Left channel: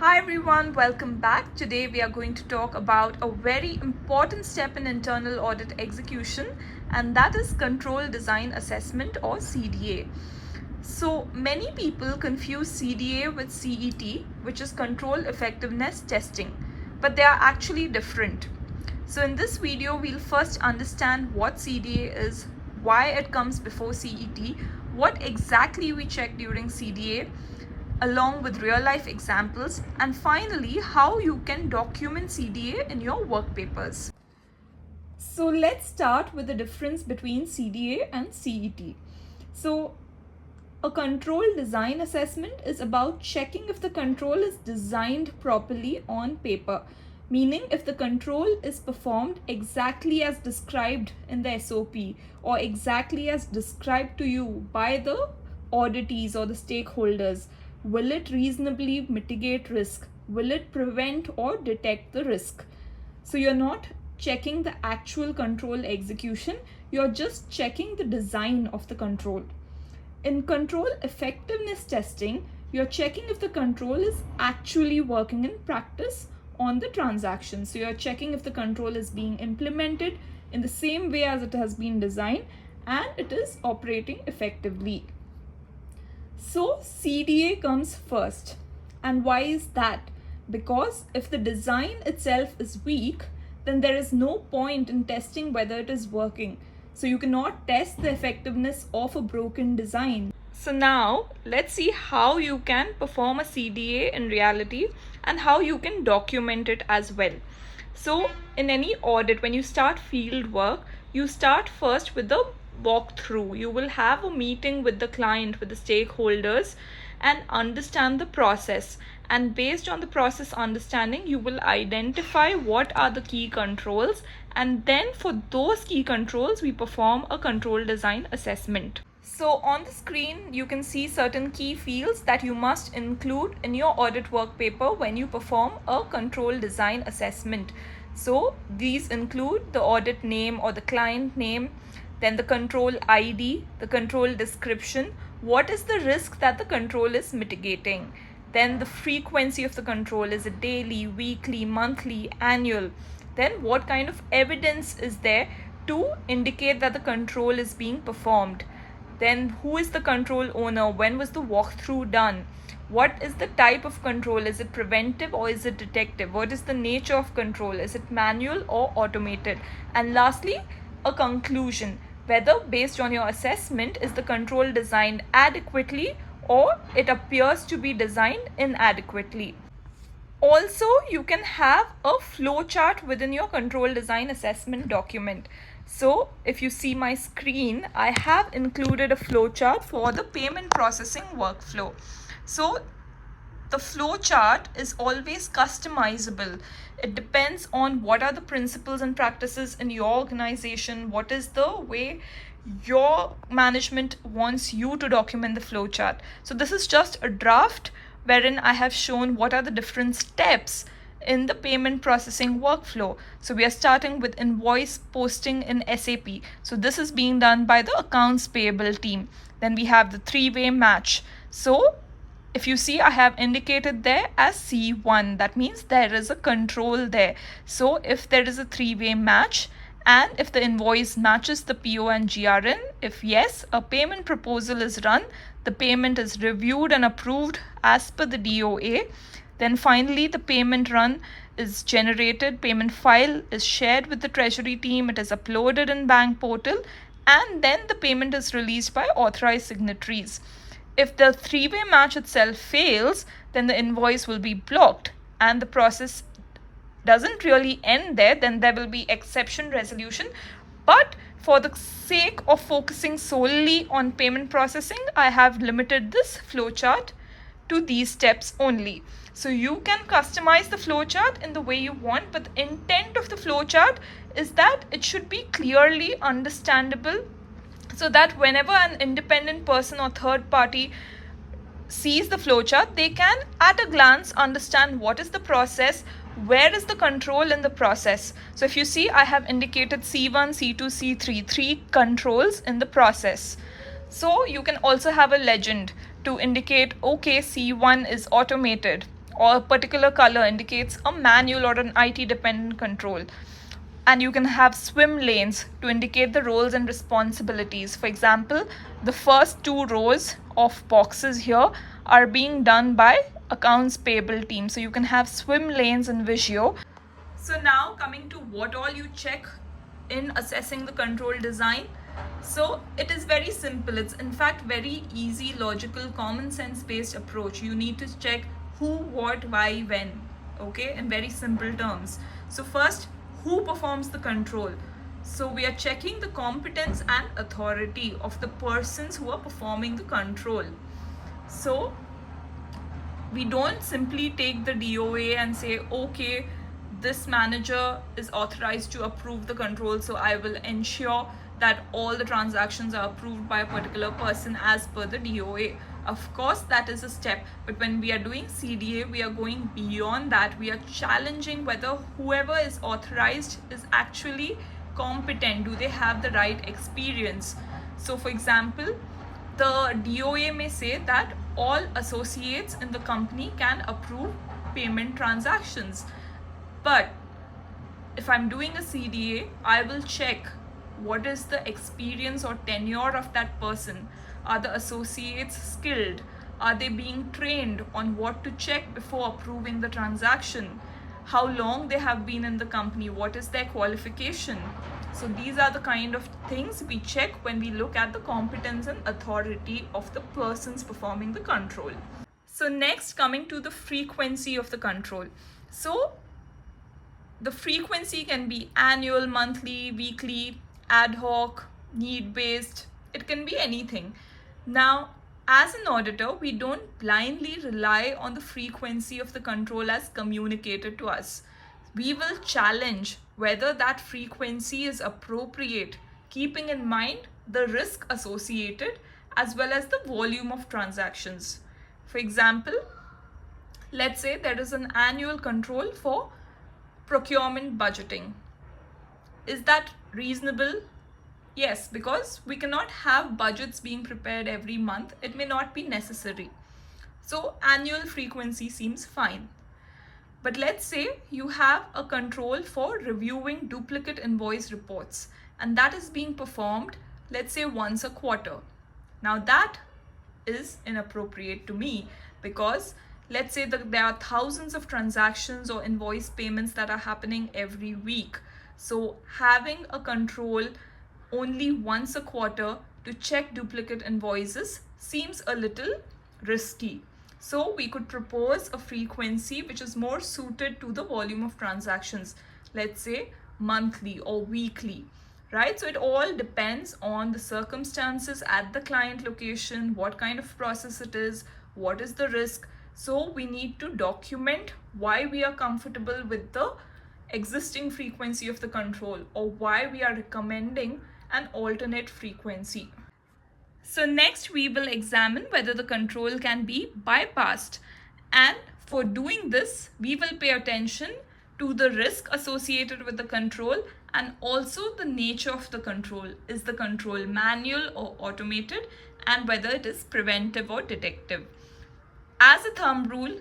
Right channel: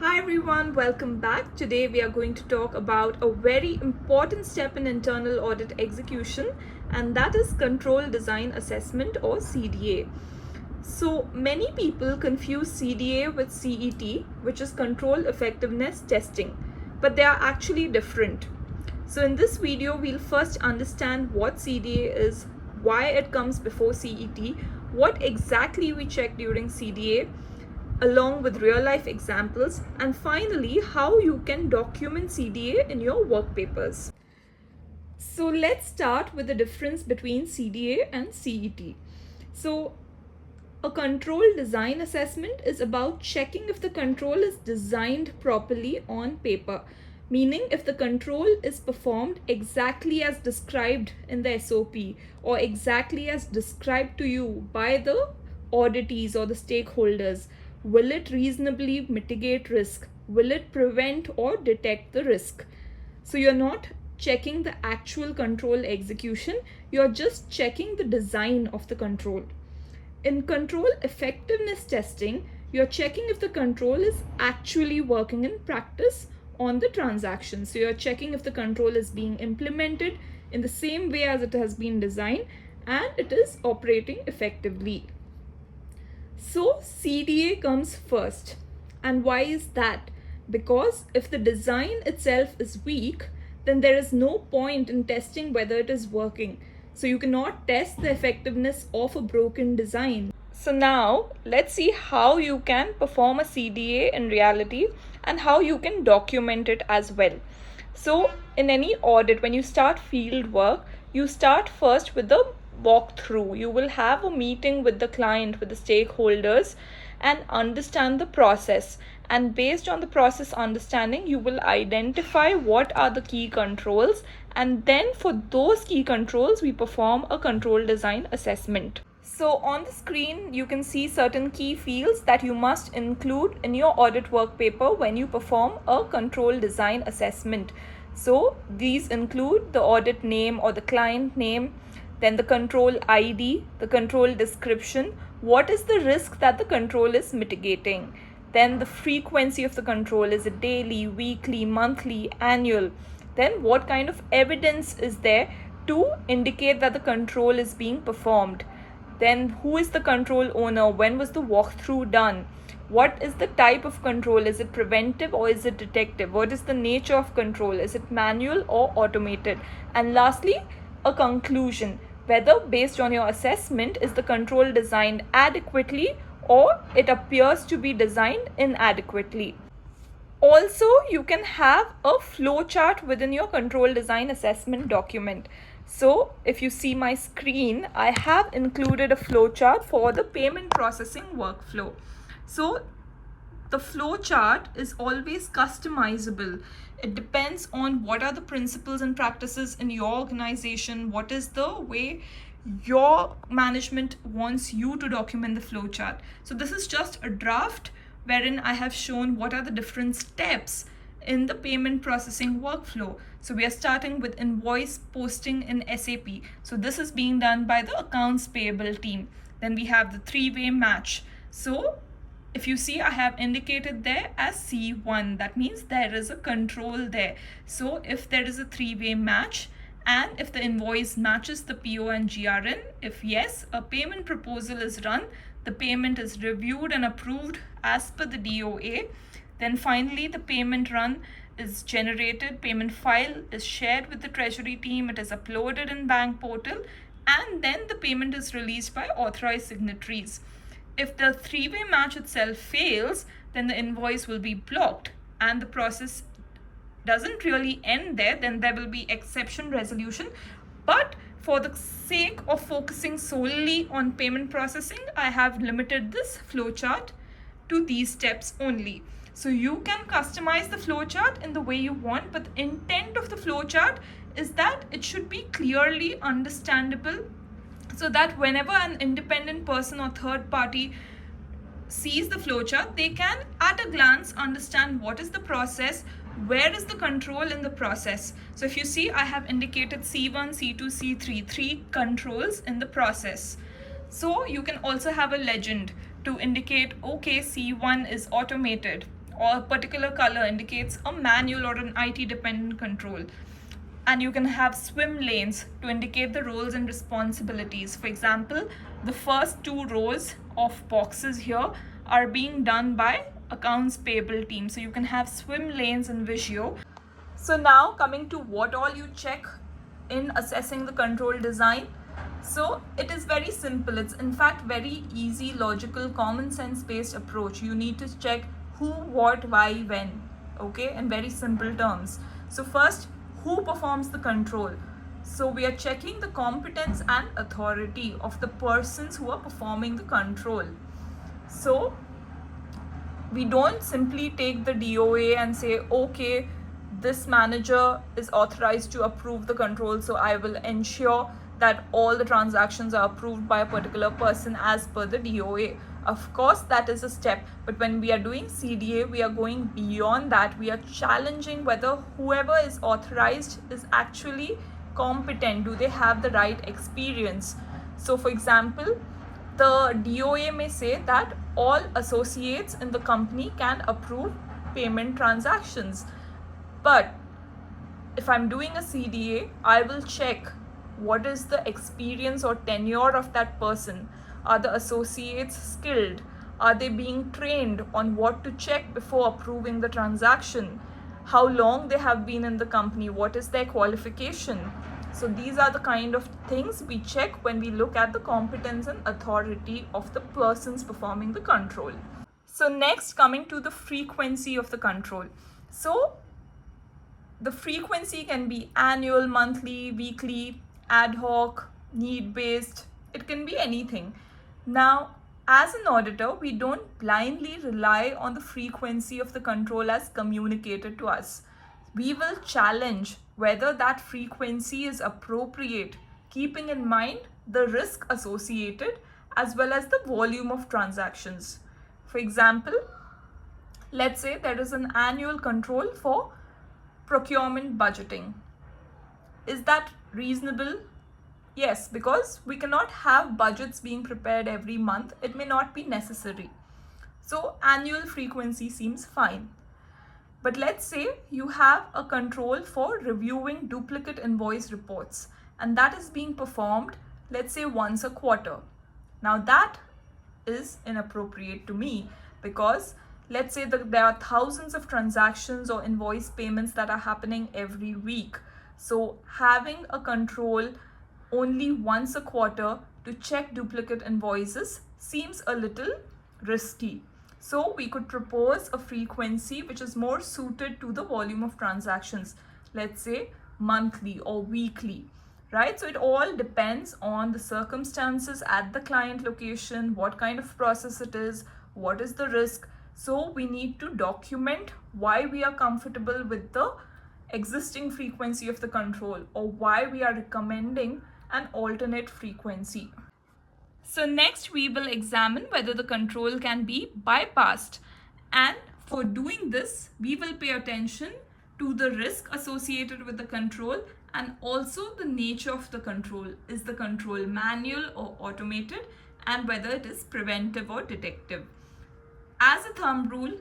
Hi everyone, welcome back. Today we are going to talk about a very important step in internal audit execution, and that is control design assessment or CDA. So many people confuse CDA with CET, which is control effectiveness testing, but they are actually different. So in this video, we'll first understand what CDA is, why it comes before CET, what exactly we check during CDA, along with real life examples, and finally how you can document CDA in your work papers. So let's start with the difference between CDA and CET. So a control design assessment is about checking if the control is designed properly on paper, meaning if the control is performed exactly as described in the SOP or exactly as described to you by the auditees or the stakeholders. Will it reasonably mitigate risk? Will it prevent or detect the risk? So you're not checking the actual control execution, you're just checking the design of the control. In control effectiveness testing, you're checking if the control is actually working in practice on the transaction. So you're checking if the control is being implemented in the same way as it has been designed and it is operating effectively. So CDA comes first. And why is that? Because if the design itself is weak, then there is no point in testing whether it is working. So you cannot test the effectiveness of a broken design. So now let's see how you can perform a CDA in reality and how you can document it as well. So in any audit, when you start field work, you start first with the walkthrough. You will have a meeting with the client, with the stakeholders, and understand the process. And based on the process understanding, you will identify what are the key controls. And then for those key controls, we perform a control design assessment. So on the screen, you can see certain key fields that you must include in your audit work paper when you perform a control design assessment. So these include the audit name or the client name, then the control ID, the control description, what is the risk that the control is mitigating, then the frequency of the control, is it daily, weekly, monthly, annual, then what kind of evidence is there to indicate that the control is being performed, then who is the control owner, when was the walkthrough done, what is the type of control, is it preventive or is it detective, what is the nature of control, is it manual or automated, and lastly a conclusion, whether based on your assessment is the control designed adequately or it appears to be designed inadequately. Also, you can have a flowchart within your control design assessment document. So if you see my screen, I have included a flowchart for the payment processing workflow. So the flowchart is always customizable. It depends on what are the principles and practices in your organization, what is the way your management wants you to document the flowchart. So this is just a draft wherein I have shown what are the different steps in the payment processing workflow. So we are starting with invoice posting in SAP. So this is being done by the accounts payable team. Then we have the three-way match. So if you see, I have indicated there as C1. That means there is a control there. So if there is a three-way match and if the invoice matches the PO and GRN, if yes, a payment proposal is run, the payment is reviewed and approved as per the DOA. Then finally, the payment run is generated, payment file is shared with the treasury team, it is uploaded in bank portal, and then the payment is released by authorized signatories. If the three-way match itself fails, then the invoice will be blocked and the process doesn't really end there. Then there will be exception resolution. But for the sake of focusing solely on payment processing, I have limited this flowchart to these steps only. So you can customize the flowchart in the way you want, but the intent of the flowchart is that it should be clearly understandable, so that whenever an independent person or third party sees the flowchart, they can at a glance understand what is the process, where is the control in the process. So if you see, I have indicated C1, C2, C3, 3 controls in the process. So you can also have a legend to indicate, okay, C1 is automated, or a particular color indicates a manual or an IT dependent control. And you can have swim lanes to indicate the roles and responsibilities. For example, the first 2 rows of boxes here are being done by accounts payable team. So you can have swim lanes in Visio. So now coming to what all you check in assessing the control design. So it is very simple. It's in fact very easy, logical, common sense based approach. You need to check who, what, why, when, okay, in very simple terms. So first, who performs the control? So we are checking the competence and authority of the persons who are performing the control. So we don't simply take the DOA and say, okay, this manager is authorized to approve the control, so I will ensure that all the transactions are approved by a particular person as per the DOA. Of course, that is a step, but when we are doing CDA, we are going beyond that. We are challenging whether whoever is authorized is actually competent. Do they have the right experience? So for example, the DOA may say that all associates in the company can approve payment transactions. But if I'm doing a CDA, I will check what is the experience or tenure of that person. Are the associates skilled? Are they being trained on what to check before approving the transaction? How long they have been in the company? What is their qualification? So these are the kind of things we check when we look at the competence and authority of the persons performing the control. So next, coming to the frequency of the control. So the frequency can be annual, monthly, weekly, ad hoc, need-based. It can be anything. Now, as an auditor, we don't blindly rely on the frequency of the control as communicated to us. We will challenge whether that frequency is appropriate, keeping in mind the risk associated as well as the volume of transactions. For example, let's say there is an annual control for procurement budgeting. Is that reasonable? Yes, because we cannot have budgets being prepared every month. It may not be necessary. So annual frequency seems fine. But let's say you have a control for reviewing duplicate invoice reports, and that is being performed, let's say, once a quarter. Now that is inappropriate to me, because let's say that there are thousands of transactions or invoice payments that are happening every week. So having a control only once a quarter to check duplicate invoices seems a little risky. So we could propose a frequency which is more suited to the volume of transactions, let's say monthly or weekly, right? So it all depends on the circumstances at the client location, what kind of process it is, what is the risk. So we need to document why we are comfortable with the existing frequency of the control, or why we are recommending an alternate frequency. So next we will examine whether the control can be bypassed, and for doing this we will pay attention to the risk associated with the control and also the nature of the control. Is the control manual or automated, and whether it is preventive or detective. As a thumb rule,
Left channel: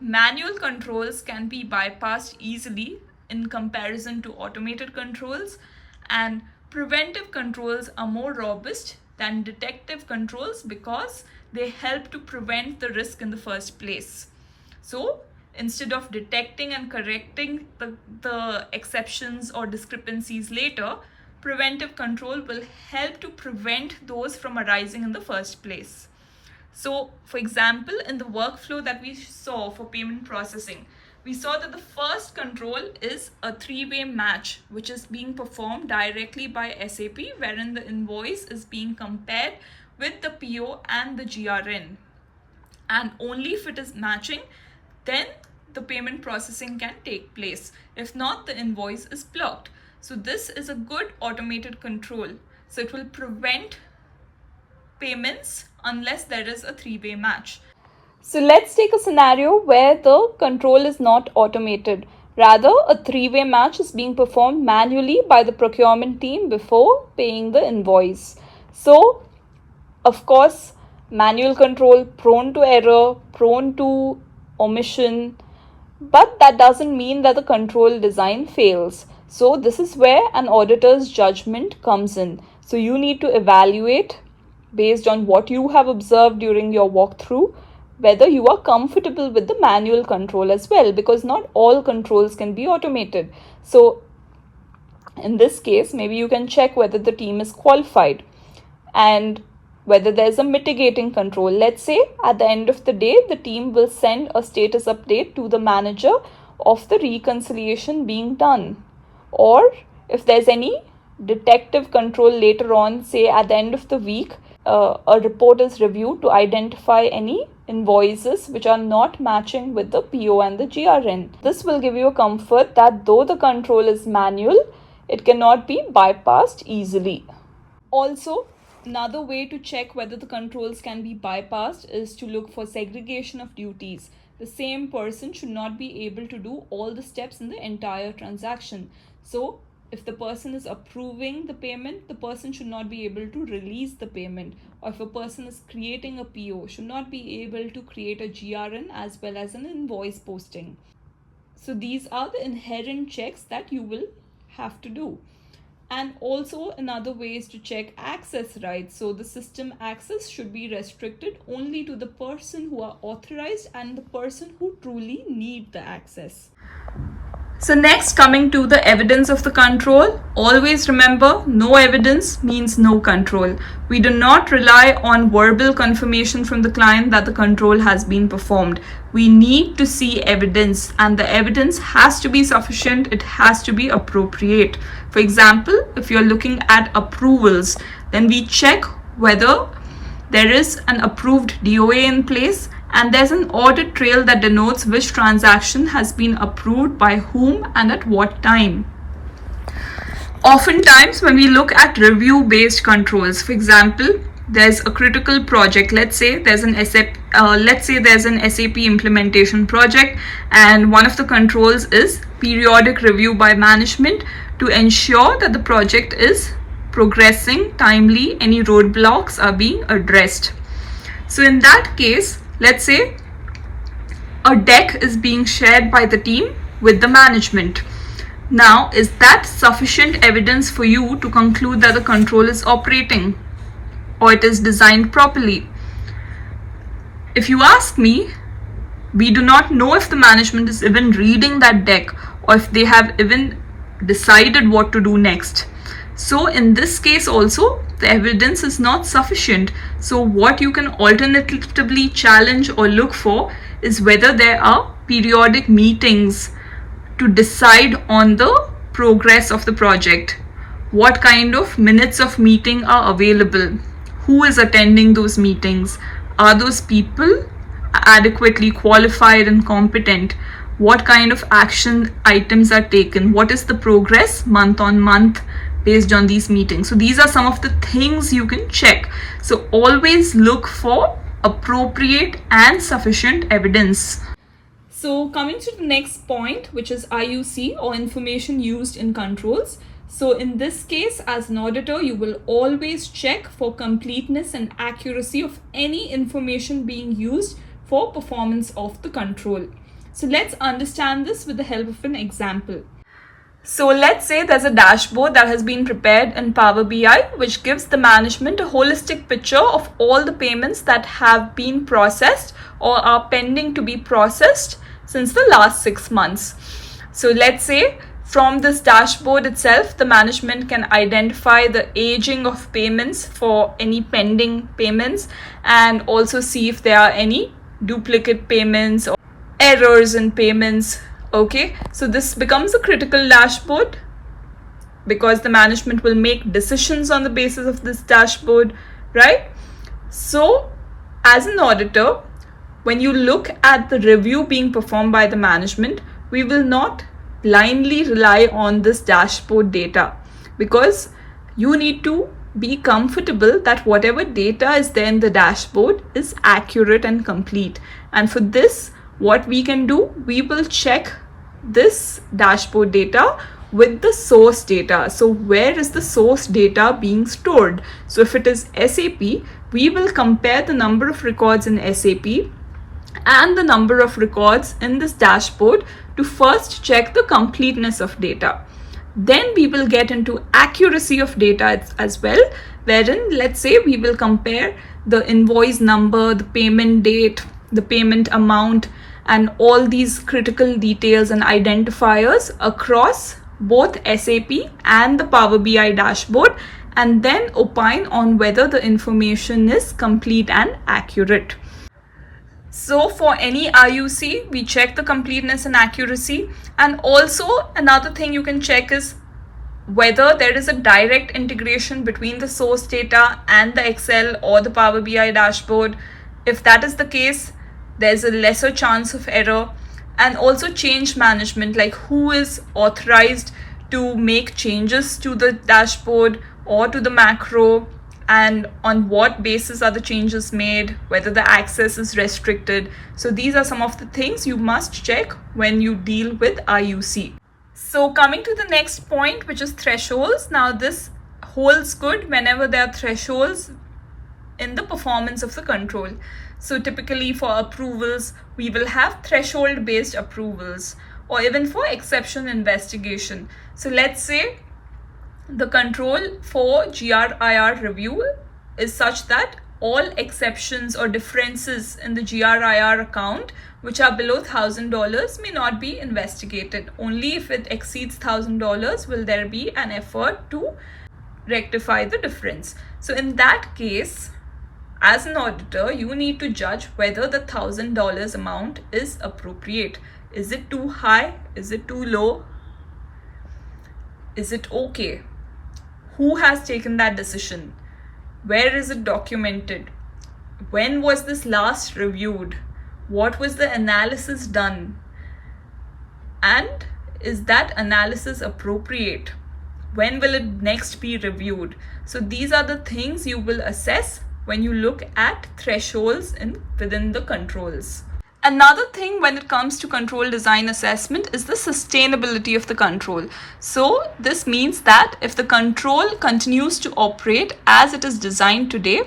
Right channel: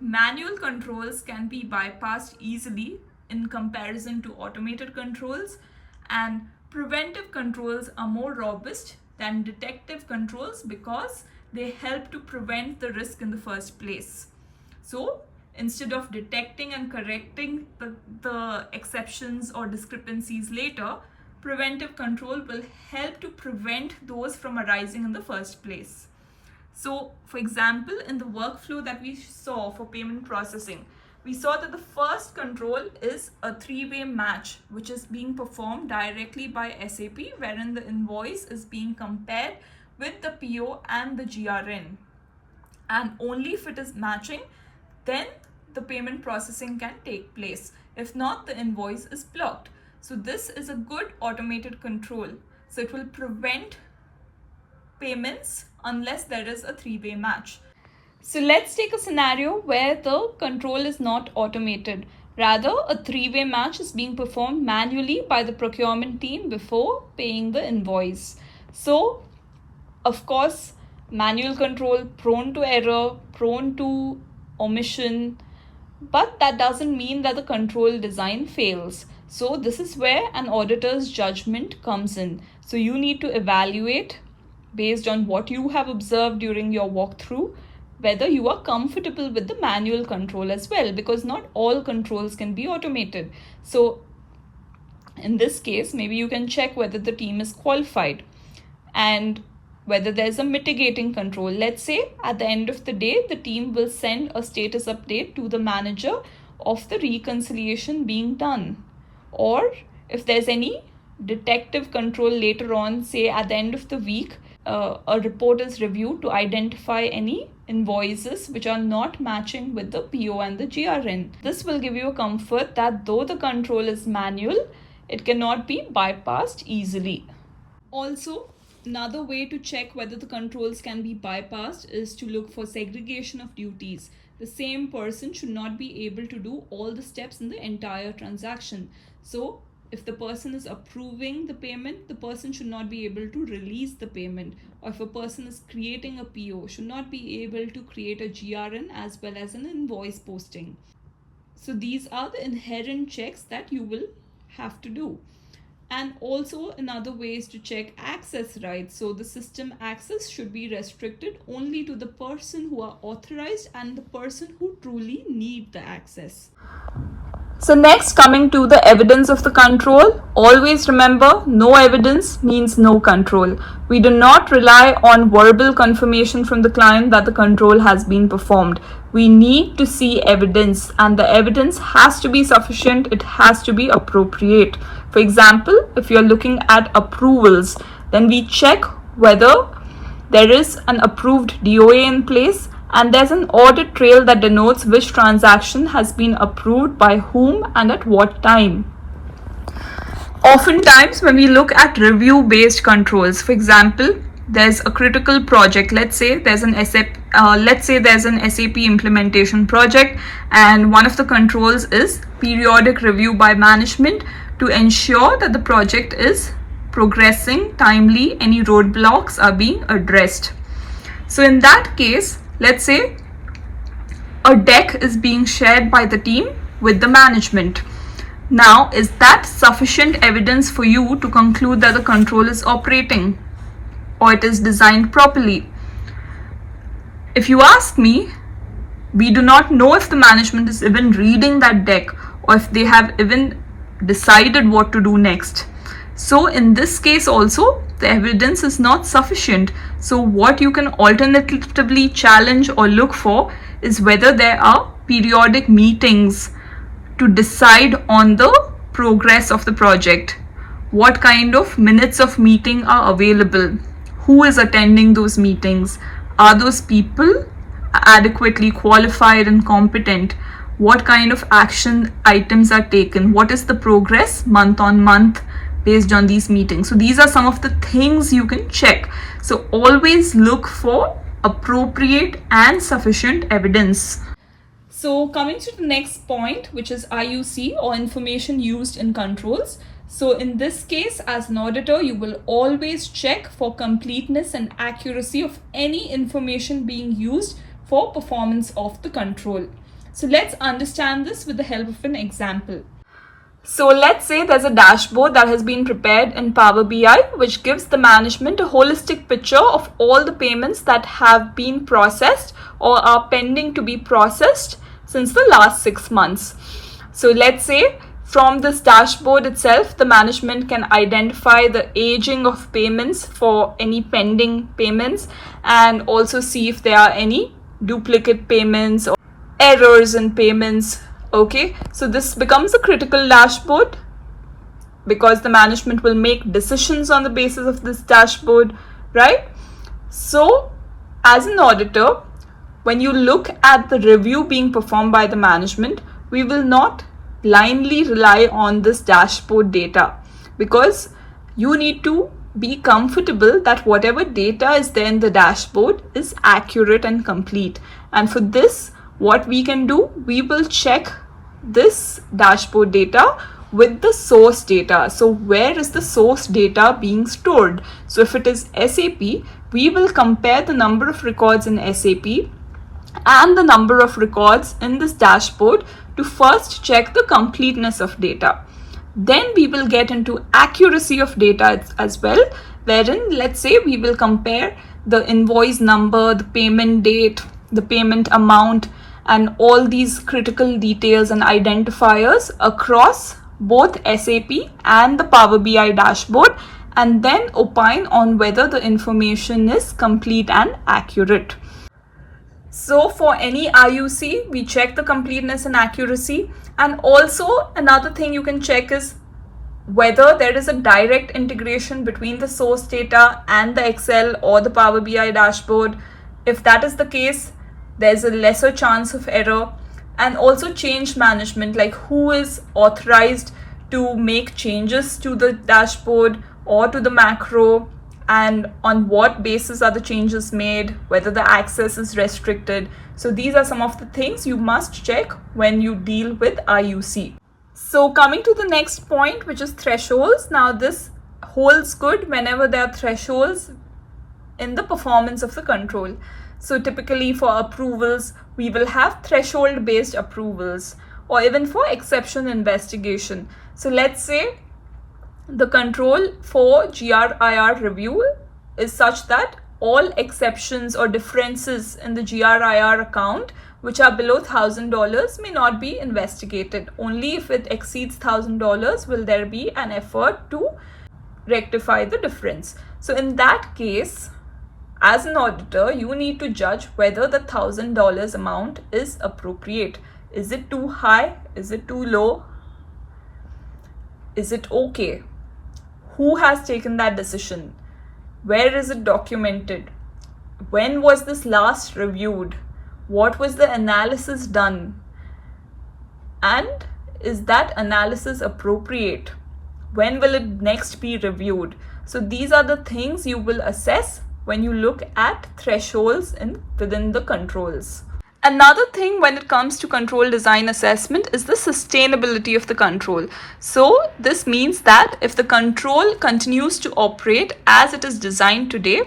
manual controls can be bypassed easily in comparison to automated controls, and preventive controls are more robust than detective controls because they help to prevent the risk in the first place. So instead of detecting and correcting the exceptions or discrepancies later, preventive control will help to prevent those from arising in the first place. So for example, in the workflow that we saw for payment processing, we saw that the first control is a three-way match, which is being performed directly by SAP, wherein the invoice is being compared with the PO and the GRN. And only if it is matching, then the payment processing can take place. If not, the invoice is blocked. So this is a good automated control. So it will prevent payments unless there is a three-way match. So let's take a scenario where the control is not automated. Rather, a three-way match is being performed manually by the procurement team before paying the invoice. So, of course, manual control prone to error, prone to omission, but that doesn't mean that the control design fails. So this is where an auditor's judgment comes in. So you need to evaluate based on what you have observed during your walkthrough, whether you are comfortable with the manual control as well, because not all controls can be automated. So in this case, maybe you can check whether the team is qualified and whether there's a mitigating control. Let's say at the end of the day, the team will send a status update to the manager of the reconciliation being done. Or if there's any detective control later on, say at the end of the week, a report is reviewed to identify any invoices which are not matching with the PO and the GRN. This will give you a comfort that though the control is manual, it cannot be bypassed easily. Also, another way to check whether the controls can be bypassed is to look for segregation of duties. The same person should not be able to do all the steps in the entire transaction. So if the person is approving the payment, the person should not be able to release the payment. Or if a person is creating a PO, should not be able to create a GRN as well as an invoice posting. So these are the inherent checks that you will have to do. And also another way is to check access rights. So the system access should be restricted only to the person who are authorized and the person who truly need the access. So next, coming to the evidence of the control, always remember no evidence means no control. We do not rely on verbal confirmation from the client that the control has been performed. We need to see evidence, and the evidence has to be sufficient. It has to be appropriate. For example, if you're looking at approvals, then we check whether there is an approved DOA in place and there's an audit trail that denotes which transaction has been approved by whom and at what time. Oftentimes, when we look at review-based controls, for example, there's a critical project. Let's say there's an SAP implementation project, and one of the controls is periodic review by management to ensure that the project is progressing timely, any roadblocks are being addressed. So in that case, let's say a deck is being shared by the team with the management. Now, is that sufficient evidence for you to conclude that the control is operating or it is designed properly? If you ask me, we do not know if the management is even reading that deck or if they have even decided what to do next. So in this case also, the evidence is not sufficient. So what you can alternatively challenge or look for is whether there are periodic meetings to decide on the progress of the project. What kind of minutes of meeting are available? Who is attending those meetings? Are those people adequately qualified and competent? What kind of action items are taken? What is the progress month on month based on these meetings? So these are some of the things you can check. So always look for appropriate and sufficient evidence. So coming to the next point, which is IUC, or information used in controls. So in this case, as an auditor, you will always check for completeness and accuracy of any information being used for performance of the control. So let's understand this with the help of an example. So let's say there's a dashboard that has been prepared in Power BI, which gives the management a holistic picture of all the payments that have been processed or are pending to be processed since the last 6 months. So let's say from this dashboard itself, the management can identify the aging of payments for any pending payments and also see if there are any duplicate payments or errors in payments. Okay, so this becomes a critical dashboard because the management will make decisions on the basis of this dashboard, right? So as an auditor, when you look at the review being performed by the management, we will not blindly rely on this dashboard data because you need to be comfortable that whatever data is there in the dashboard is accurate and complete. And for this, what we can do, we will check this dashboard data with the source data. So where is the source data being stored? So if it is SAP, we will compare the number of records in SAP and the number of records in this dashboard to first check the completeness of data. Then we will get into accuracy of data as well, wherein let's say we will compare the invoice number, the payment date, the payment amount, and all these critical details and identifiers across both SAP and the Power BI dashboard, and then opine on whether the information is complete and accurate. So for any IUC, we check the completeness and accuracy. And also another thing you can check is whether there is a direct integration between the source data and the Excel or the Power BI dashboard. If that is the case, there's a lesser chance of error. And also change management, like who is authorized to make changes to the dashboard or to the macro, and on what basis are the changes made, whether the access is restricted. So these are some of the things you must check when you deal with IUC. So coming to the next point, which is thresholds. Now this holds good whenever there are thresholds in the performance of the control. So typically for approvals, we will have threshold based approvals, or even for exception investigation. So let's say the control for GRIR review is such that all exceptions or differences in the GRIR account which are below $1,000 may not be investigated. Only if it exceeds $1,000 will there be an effort to rectify the difference. So in that case, as an auditor, you need to judge whether the $1,000 amount is appropriate. Is it too high? Is it too low? Is it okay? Who has taken that decision? Where is it documented? When was this last reviewed? What was the analysis done? And is that analysis appropriate? When will it next be reviewed? So these are the things you will assess when you look at thresholds within the controls. Another thing when it comes to control design assessment is the sustainability of the control. So this means that if the control continues to operate as it is designed today,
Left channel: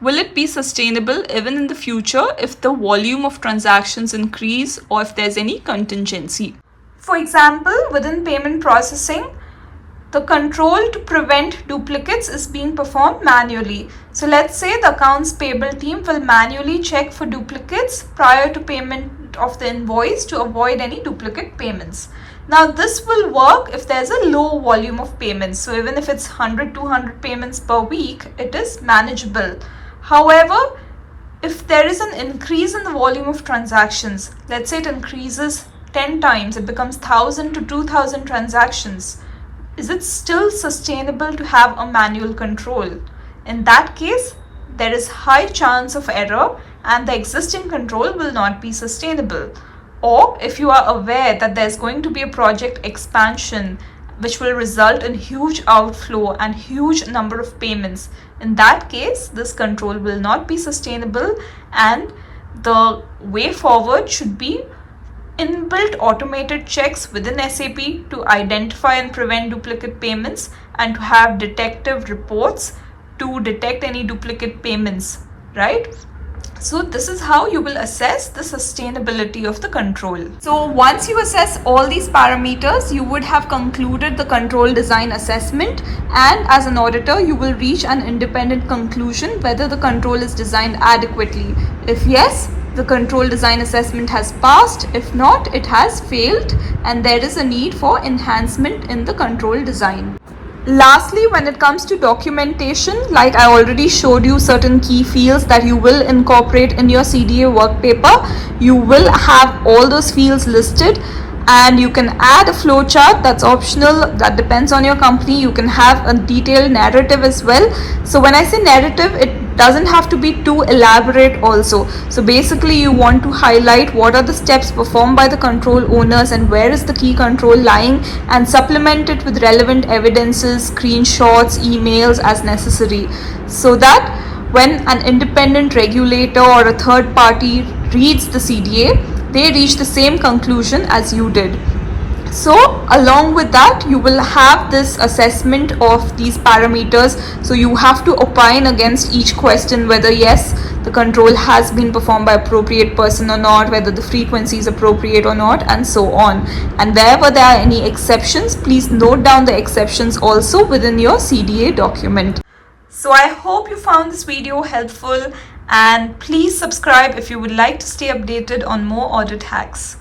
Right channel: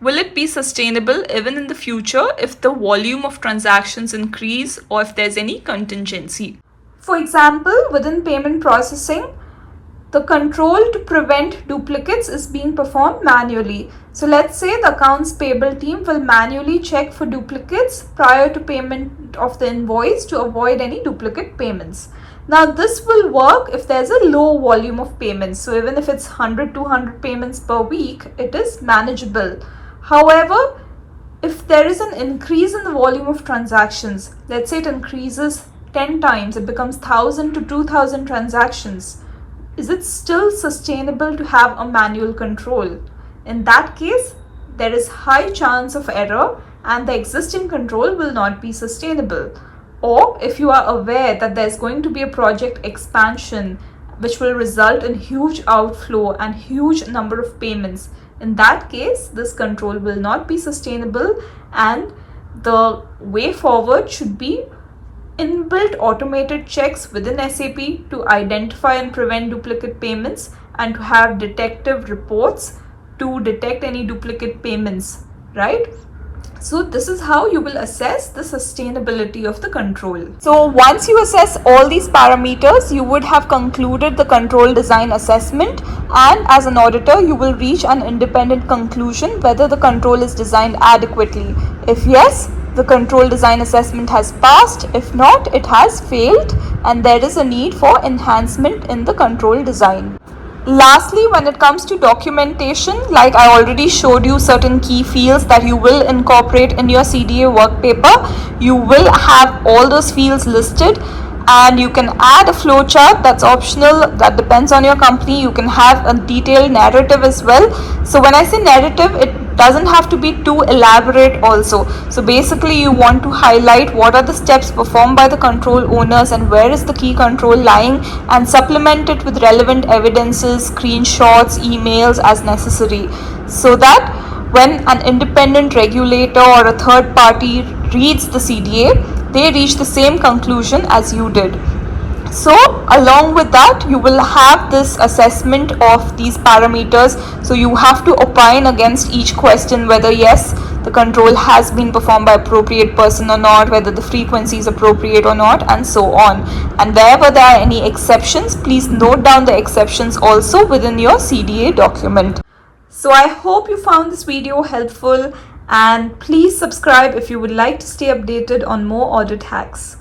will it be sustainable even in the future if the volume of transactions increase or if there's any contingency? For example, within payment processing, the control to prevent duplicates is being performed manually. So let's say the accounts payable team will manually check for duplicates prior to payment of the invoice to avoid any duplicate payments. Now this will work if there's a low volume of payments. So even if it's 100, 200 payments per week, it is manageable. However, if there is an increase in the volume of transactions, let's say it increases 10 times, it becomes 1,000 to 2,000 transactions, is it still sustainable to have a manual control? In that case, there is high chance of error and the existing control will not be sustainable. Or if you are aware that there's going to be a project expansion which will result in huge outflow and huge number of payments, in that case, this control will not be sustainable, and the way forward should be inbuilt automated checks within SAP to identify and prevent duplicate payments, and to have detective reports to detect any duplicate payments, right? So this is how you will assess the sustainability of the control. So once you assess all these parameters, you would have concluded the control design assessment, and as an auditor, you will reach an independent conclusion whether the control is designed adequately. If yes, the control design assessment has passed. If not, it has failed, and there is a need for enhancement in the control design. Lastly, when it comes to documentation, like I already showed you certain key fields that you will incorporate in your CDA workpaper, you will have all those fields listed, and you can add a flowchart. That's optional, that depends on your company. You can have a detailed narrative as well. So when I say narrative, it doesn't have to be too elaborate also. So basically you want to highlight what are the steps performed by the control owners and where is the key control lying, and supplement it with relevant evidences, screenshots, emails as necessary, so that when an independent regulator or a third party reads the CDA, they reach the same conclusion as you did. So along with that, you will have this assessment of these parameters. So you have to opine against each question whether yes, the control has been performed by appropriate person or not, whether the frequency is appropriate or not, and so on. And wherever there are any exceptions, please note down the exceptions also within your CDA document. So I hope you found this video helpful, and please subscribe if you would like to stay updated on more audit hacks.